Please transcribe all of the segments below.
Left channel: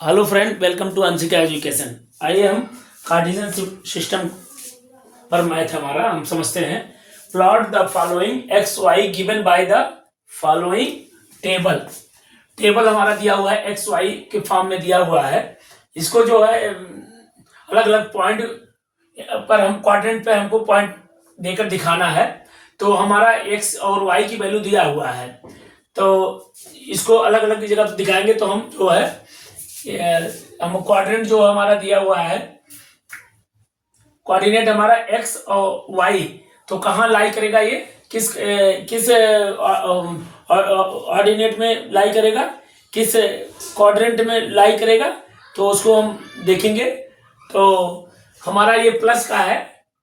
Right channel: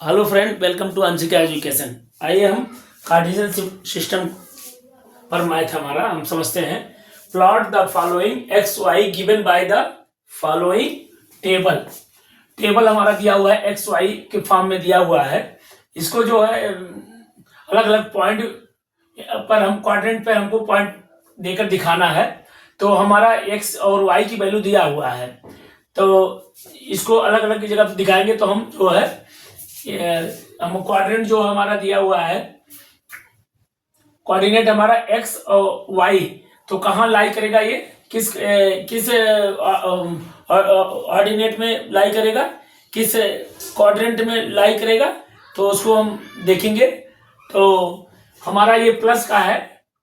Hello friend, welcome to Anshika education. आइए हम Cartesian system पर मैथ हमारा हम समझते हैं। Plot the following X Y given by the following table. Table हमारा दिया हुआ है, एक्स वाई के फॉर्म में दिया हुआ है। इसको जो है अलग अलग पॉइंट पर हम क्वाड्रेंट पे हमको पॉइंट देकर दिखाना है। तो हमारा एक्स और वाई की वैल्यू दिया हुआ है, तो इसको अलग अलग जगह पे दिखाएंगे। तो हम जो है हम क्वाड्रेंट जो हमारा दिया हुआ है, कोऑर्डिनेट हमारा एक्स और वाई, तो कहाँ लाई करेगा, ये किस किस ऑर्डिनेट में लाई करेगा, किस क्वाड्रेंट में लाई करेगा, तो उसको हम देखेंगे। तो हमारा ये प्लस का है,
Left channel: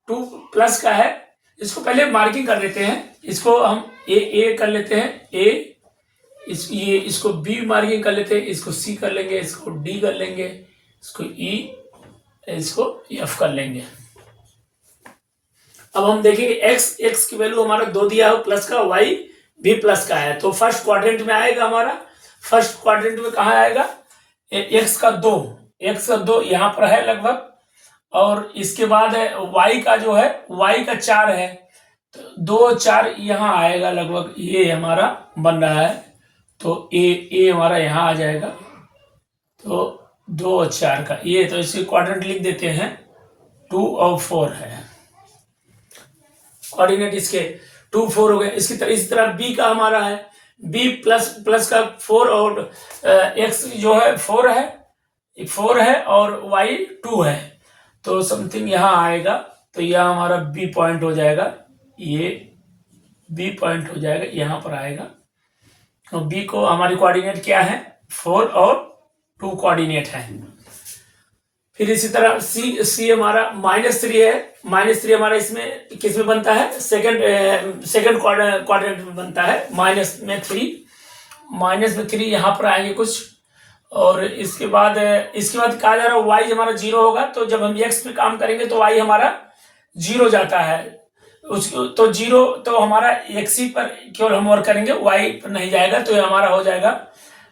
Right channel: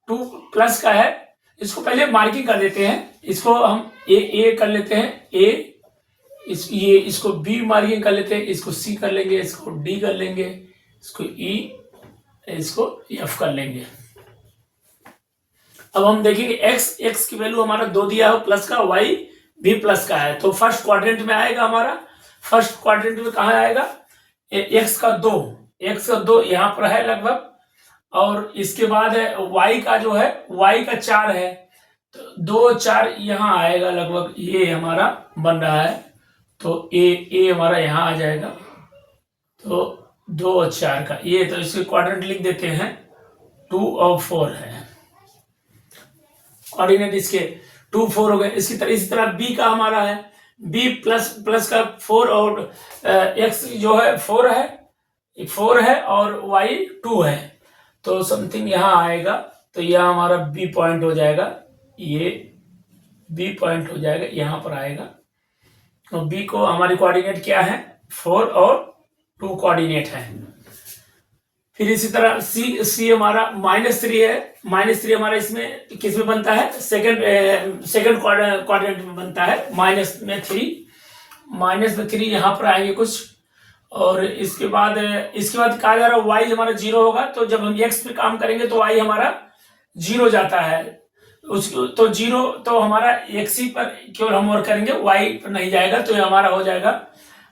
2 प्लस का है। इसको पहले मार्किंग कर देते हैं। इसको हम ए कर लेते हैं, इसको बी मार्किंग कर लेते हैं, इसको सी कर लेंगे, इसको डी कर लेंगे, इसको ई, इसको एफ कर लेंगे। अब हम देखेंगे एक्स की वैल्यू हमारा 2 दिया है प्लस का, वाई भी प्लस का है, तो फर्स्ट क्वाड्रेंट में आएगा हमारा। फर्स्ट क्वाड्रेंट में कहा आएगा, एक्स का 2 यहां पर है लगभग, और इसके बाद है वाई का जो है, वाई का 4 है, तो 2 4 यहां आएगा लगभग, ये हमारा बन रहा है। तो ए हमारा यहां आ जाएगा, तो 2 और 4 का ये, तो इसे क्वाड्रेंट लिख देते हैं, 2 और 4 है कोऑर्डिनेट इसके, 2 4 हो गए। इसी तरह बी का हमारा है, बी प्लस का 4, और एक्स जो है 4 है और वाई 2 है, तो समथिंग यहां आएगा। तो यह हमारा बी पॉइंट हो जाएगा, ये बी पॉइंट हो जाएगा, यहां पर आएगा। और बी को हमारी कोऑर्डिनेट क्या है, 4 और 2 कोऑर्डिनेट है। फिर इसी तरह सी हमारा -3 है। -3 हमारा इसमें किस में बनता है, सेकंड क्वाड्रेंट में बनता है, -3 यहां पर आएंगे कुछ। और इसके बाद कहा जा रहा है वाई हमारा 0 होगा, तो जब हम एक्स पे काम करेंगे तो वाई हमारा 0 जाता है। तो 0, तो हमारा एक्स ही पर केवल हम वर्क करेंगे, वाई पर नहीं जाएगा, तो ये हमारा हो जाएगा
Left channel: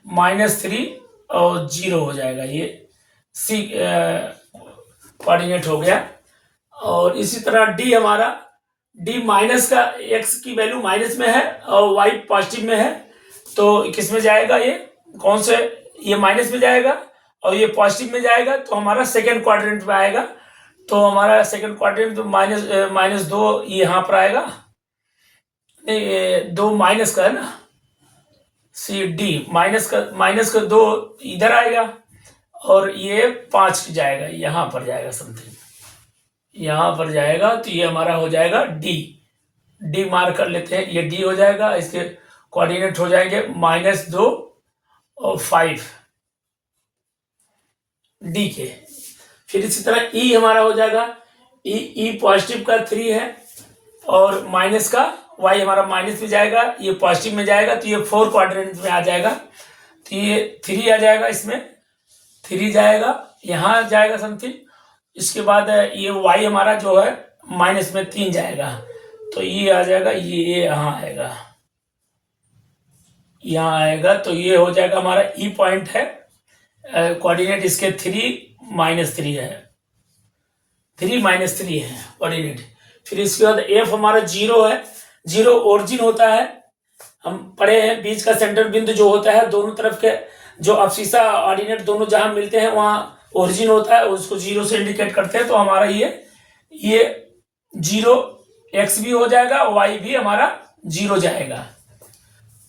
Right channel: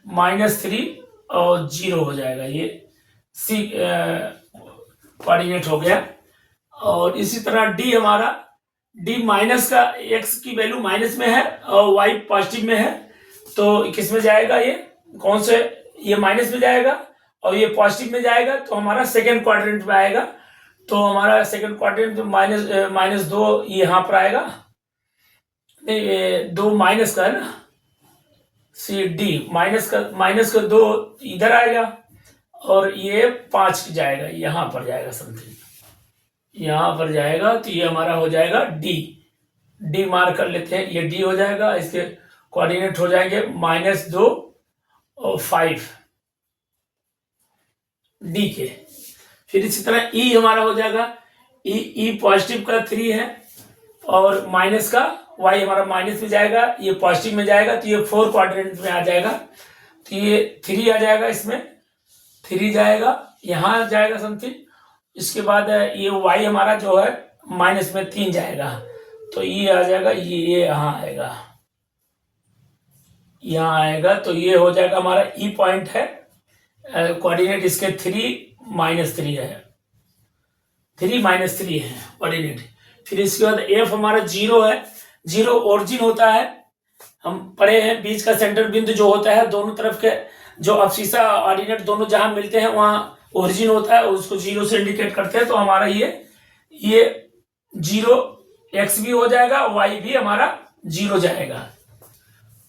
-3 और 0 हो जाएगा, ये सी कोऑर्डिनेट हो गया। और इसी तरह डी हमारा, डी माइनस का, एक्स की वैल्यू माइनस में है और वाई पॉजिटिव में है, तो किस में जाएगा, ये कौन से, ये माइनस में जाएगा और ये पॉजिटिव में जाएगा, तो हमारा सेकंड क्वाड्रेंट में आएगा। तो हमारा सेकंड क्वाड्रेंट -2 यहां पर आएगा, नहीं 2 माइनस का है ना, सी डी माइनस का 2 इधर आएगा, और ये 5 जाएगा, यहां पर जाएगा समथिंग, यहां पर जाएगा, तो ये हमारा हो जाएगा डी मार्क कर लेते हैं, ये डी हो जाएगा। इसके कोऑर्डिनेट हो जाएंगे -2 और 5 डी के। फिर इसी तरह ई हमारा हो जाएगा, ई पॉजिटिव का 3 है, और माइनस का वाई हमारा माइनस में जाएगा, ये पॉजिटिव में जाएगा, तो ये 4 क्वाड्रेंट में आ जाएगा, तो ये 3 आ जाएगा, इसमें 3 जाएगा, यहां जाएगा समथिंग। इसके बाद ये वाई हमारा जो है माइनस में 3 जाएगा, तो ये आ जाएगा, ये यहां आएगा, यहां आएगा, तो ये हो जाएगा हमारा ई पॉइंट है। कोऑर्डिनेट इसके 3 है, 3 है कोऑर्डिनेट। फिर इसके बाद एफ हमारा 0 है, 0 ओरिजिन होता है, हम पढ़े हैं, बीच का सेंटर बिंदु जो होता है, दोनों तरफ के जो अफसीसा ऑर्डिनेट दोनों जहां मिलते हैं वहां ओरिजिन होता है, उसको 0 से इंडिकेट करते हैं। तो हमारा ये 0 एक्स भी हो जाएगा, वाई भी हमारा 0 जाएगा।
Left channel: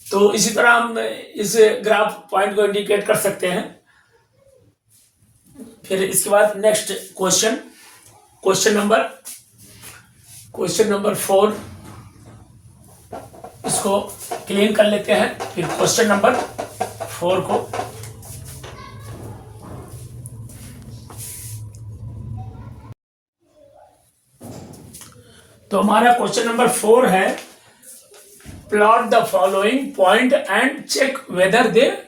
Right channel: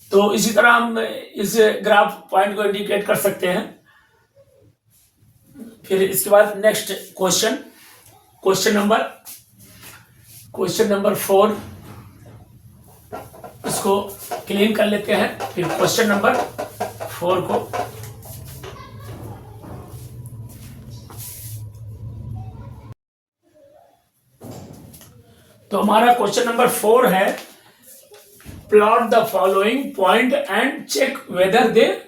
तो इसी तरह हम इस ग्राफ पॉइंट को इंडिकेट कर सकते हैं। फिर इसके बाद नेक्स्ट क्वेश्चन नंबर 4, इसको क्लीन कर लेते हैं। फिर क्वेश्चन नंबर 4 को, तो हमारा क्वेश्चन नंबर 4 है, plot the following point and check whether they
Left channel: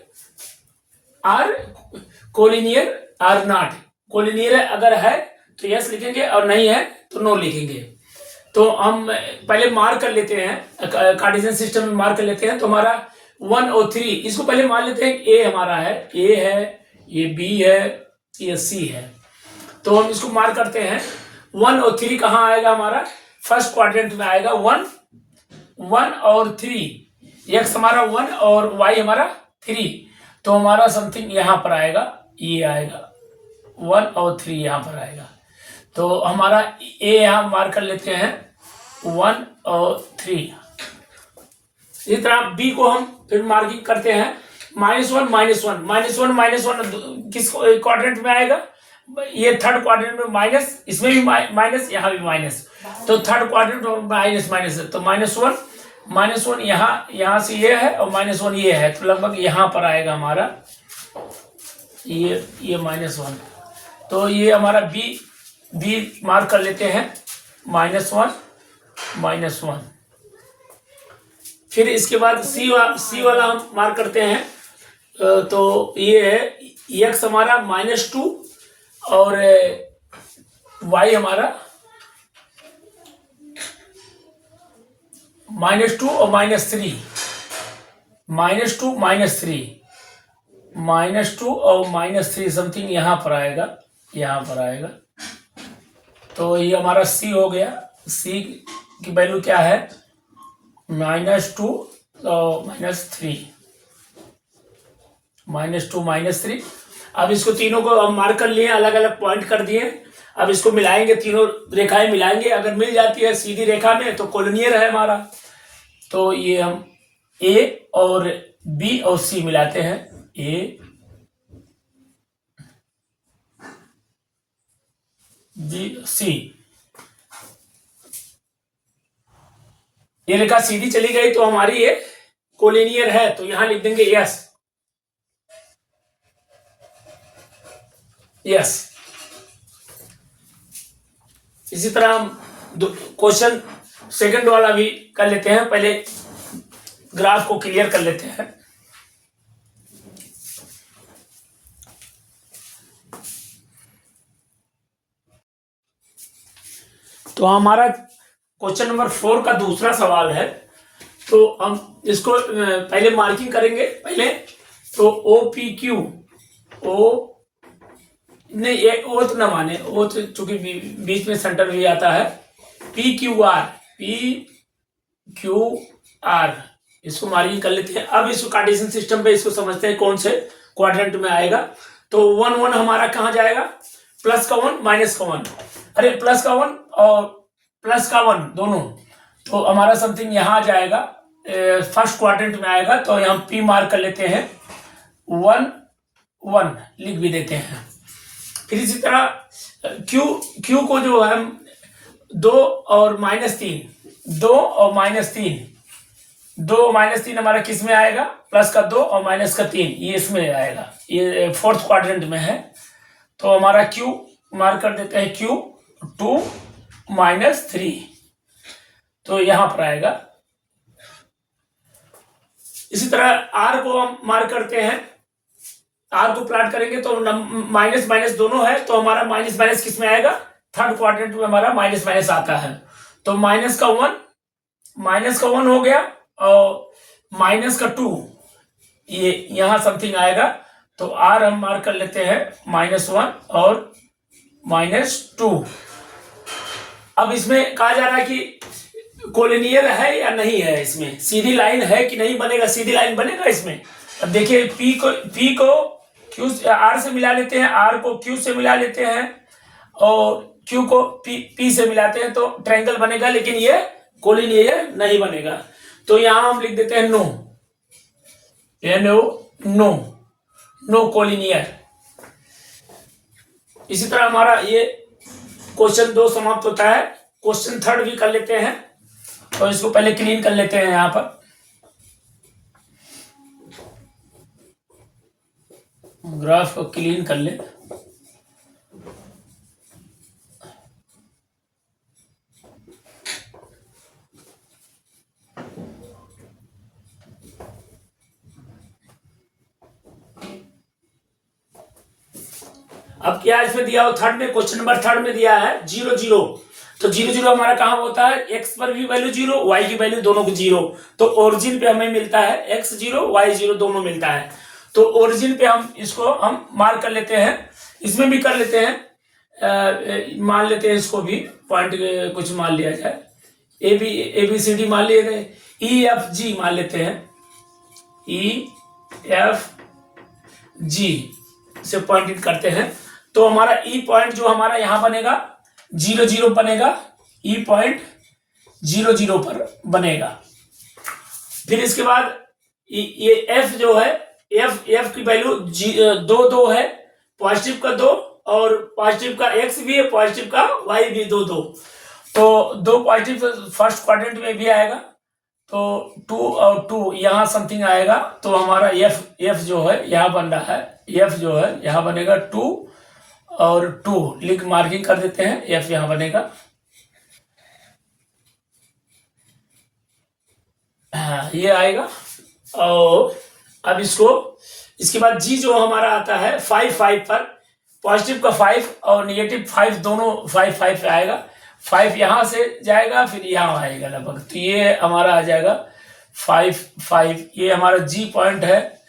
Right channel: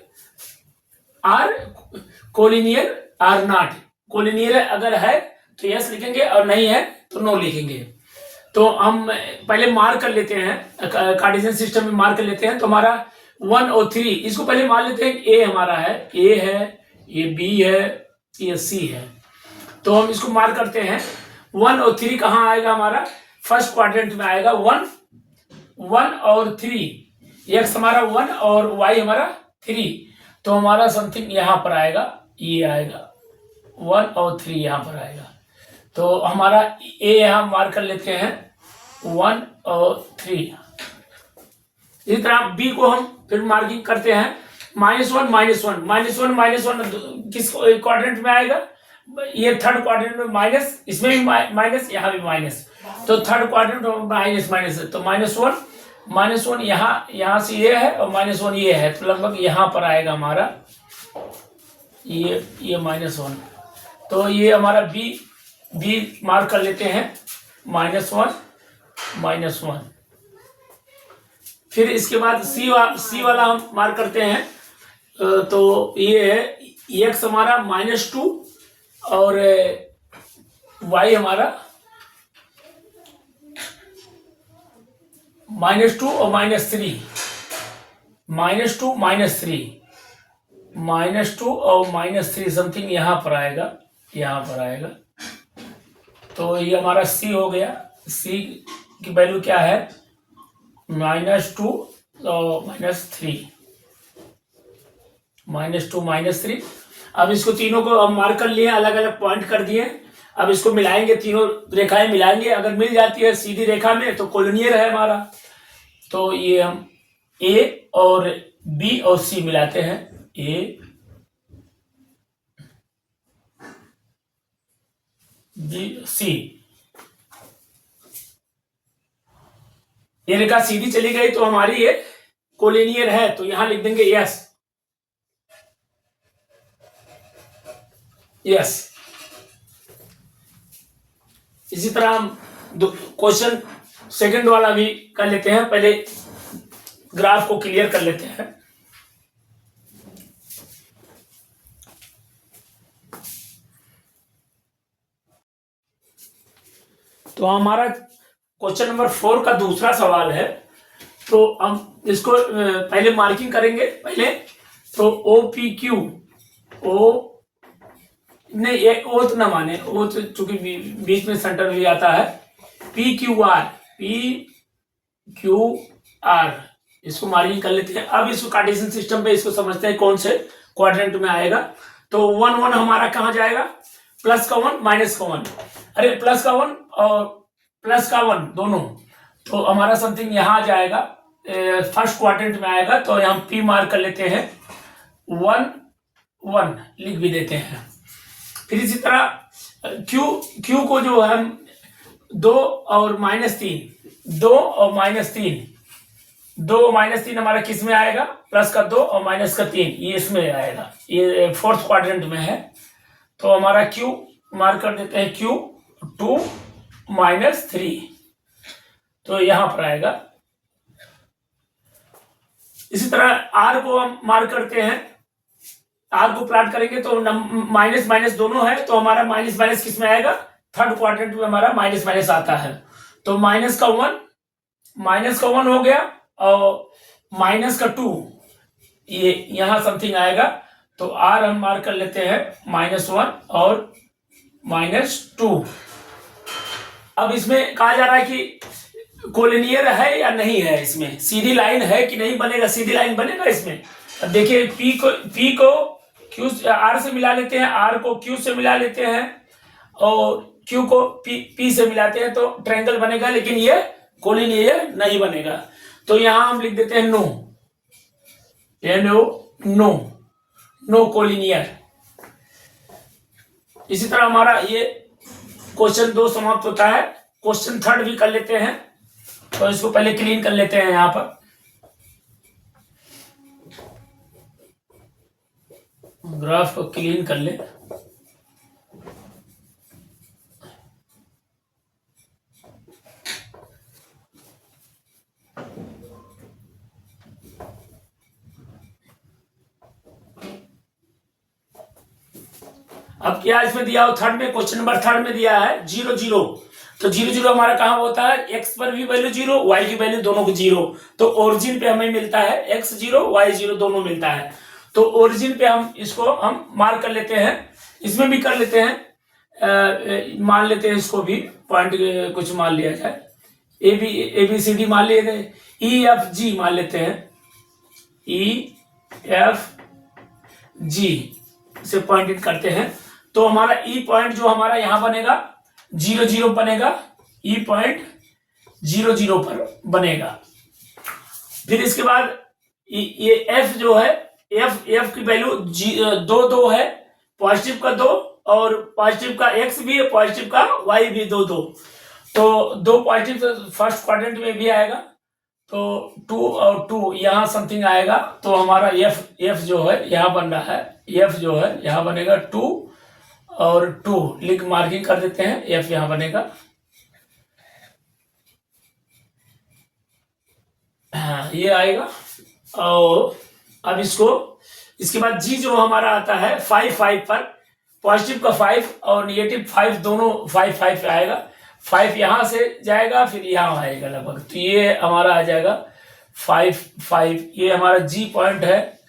are collinear or not. Collinear अगर है तो यस लिखेंगे, और नहीं है तो नो लिखेंगे। तो हम पहले मार्क कर लेते हैं, कार्टेशियन सिस्टम में मार्क कर लेते हैं। तो हमारा 1 और 3, इसको पहले मान लेते हैं, ए हमारा है, ए है, ये बी है, ये सी है। तो हम इसको मार्क करते हैं। 1 और 3 कहाँ आएगा हमारा? फर्स्ट क्वाड्रेंट में आएगा। 1 और 3, एक्स हमारा 1 और वाई हमारा 3, तो हमारा समथिंग यहाँ पर आएगा, ये आएगा 1 और 3 यहाँ पर आएगा। तो हमारा ए यहाँ मार्क कर लेते हैं 1 और 3। इसी तरह बी को हम फिर मार्किंग करते हैं। -1 -1 किस क्वाड्रेंट में आएगा? ये थर्ड क्वाड्रेंट में माइनस, इसमें भी माइनस, यहाँ भी माइनस, तो थर्ड क्वाड्रेंट में माइनस है। तो -1 यहाँ से ये है और -1 ये है, तो लगभग यहाँ पर आएगा हमारा ये -1। तो ये हमारा बी मार्क कर लेते हैं -1। फिर इसके बाद सी वाला हम मार्क करते हैं। तो ये है x हमारा -2 और y हमारा -2 और -3, -2 और -3 समथिंग यहाँ पर आएगा। तो ये हमारा सी हो गया। सी की वैल्यू क्या है? -2 और -3, -2 अब इसको तीनों को हम मार्क कर लिए, अलग अलग पॉइंट कर दिए। अब इसको मिलाएंगे, तीनों रेखाएं मिलाएंगे। अगर मिल जाती है सीधी रेखा में तो कोलिनियर है हमारा। तो ये हम ए और बी और सी मिलाते हैं। ए बी सी, ये रेखा सीधी चली गई तो हमारी ये कोलिनियर है, तो यहां लिख देंगे यस। इसी तरह हम क्वेश्चन सेकंड वाला भी कर लेते हैं। पहले ग्राफ को क्लियर कर लेते हैं। तो हमारा क्वेश्चन नंबर 4 का दूसरा सवाल है। तो हम इसको पहले मार्किंग करेंगे। पहले तो OPQ, ओ नहीं, ये ओ तो ना माने, ओ तो चूंकि बीच में सेंटर भी आता है। PQR, इसको मार्किंग कर लेते हैं। अब इसको कार्टेशियन सिस्टम पे इसको समझते हैं कौन से क्वाड्रेंट में आएगा। तो 1 1 हमारा कहाँ जाएगा? प्लस का 1 माइनस का 1, अरे प्लस का 1 और प्लस का 1 दोनों, तो हमारा समथिंग यहाँ जाएगा, फर्स्ट क्वाड्रेंट में आएगा। तो यहाँ P मार्क कर लेते हैं, 1 1 लिख भी देते हैं। फिर इसी तरह Q को जो है 2 और -3, 2 और -3 हमारा किस में आएगा? प्लस का 2 और माइनस का 3, ये इसमें आएगा। ये फोर्थ क्वाड्रेंट में है। तो हमारा Q मार्क कर देते हैं, Q 2 -3, तो यहां पर आएगा। इसी तरह R को हम मार्क करते हैं। R को प्लॉट करेंगे तो माइनस माइनस दोनों है, तो हमारा माइनस माइनस किस में आएगा? थर्ड क्वाड्रेंट में हमारा माइनस माइनस आता है। तो माइनस का 1 हो गया और माइनस का 2, ये यहां समथिंग आएगा। तो R हम मार्क कर लेते हैं -1 और -2। अब इसमें कहा जा रहा है कि कोलिनियर है या नहीं है, इसमें सीधी लाइन है कि नहीं बनेगा? सीधी लाइन बनेगा इसमें। अब देखिए P को Q R से मिला लेते हैं, R को Q से मिला लेते हैं और Q को P से मिलाते हैं, तो ट्रायंगल बनेगा। लेकिन ये कोलिनियर नहीं बनेगा। तो यहां हम लिख देते हैं नो कोलिनियर। इसी तरह हमारा ये क्वेश्चन 2 समाप्त होता है। क्वेश्चन 3 भी कर लेते हैं। तो इसको पहले क्लीन कर लेते हैं। यहां पर ग्राफ को क्लीन कर ले। अब क्या इसमें दिया हो? थर्ड में, क्वेश्चन नंबर 3 में दिया है 0 0। तो 0 0 हमारा कहां होता है? x पर भी वैल्यू 0, y की वैल्यू दोनों को 0। तो ओरिजिन पे हमें मिलता है x 0 y 0 दोनों मिलता है। तो ओरिजिन पे हम इसको हम मार्क कर लेते हैं, इसमें भी कर लेते हैं, मान लेते हैं इसको भी पॉइंट कुछ मान लिया जाए, ए बी सी डी मान लिए गए, ई एफ जी मान लेते हैं, ई एफ जी से पॉइंट करते हैं। तो हमारा ई पॉइंट जो हमारा यहां बनेगा 0 0 बनेगा, ई पॉइंट 0 0 पर बनेगा। फिर इसके बाद ये एफ जो है, एफ की वैल्यू 2 2 है, पॉजिटिव का 2 और पॉजिटिव का एक्स भी है, पॉजिटिव का वाई भी 2 2, तो 2 पॉजिटिव फर्स्ट क्वाड्रेंट में भी आएगा, तो 2 और 2 यहाँ समथिंग आएगा। तो हमारा एफ जो है यहाँ बन रहा है, एफ जो है यहाँ बनेगा 2 और 2, लिंक मार्किंग कर देते हैं, एफ यहाँ बनेगा, हाँ ये आएगा। और अब इसके बाद जी जो हमारा आता है 5 5 पर, पॉजिटिव का 5 और नेगेटिव 5 दोनों 5 5 पे आएगा, 5 यहां से जाएगा फिर यहां आएगा लगभग, तो ये हमारा आ जाएगा 5 5, ये हमारा जी पॉइंट है,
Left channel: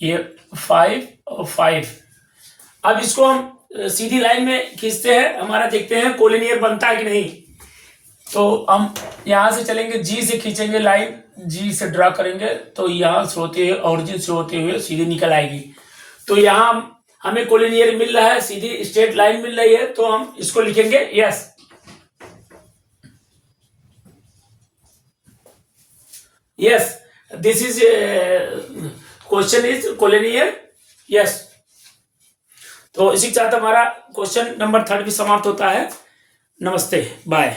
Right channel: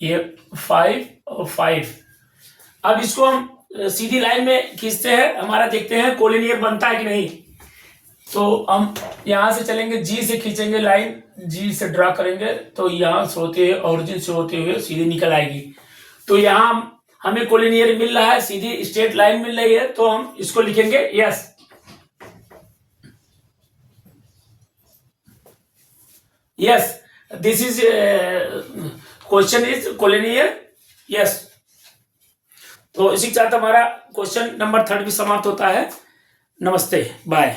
ये 5 और 5। अब इसको हम सीधी लाइन में खींचते हैं, हमारा देखते हैं कोलिनियर बनता है कि नहीं। तो हम यहां से चलेंगे, जी से खींचेंगे लाइन, जी से ड्रा करेंगे, तो यहां से होते हुए ऑरिजिन से होते हुए सीधी निकल आएगी। तो यहां हमें कोलिनियर मिल रहा है, सीधी स्ट्रेट लाइन मिल रही है, तो हम इसको लिखेंगे yes, yes this is question is collinear, yes. तो इसी के साथ हमारा क्वेश्चन नंबर 3 भी समाप्त होता है। नमस्ते, बाय।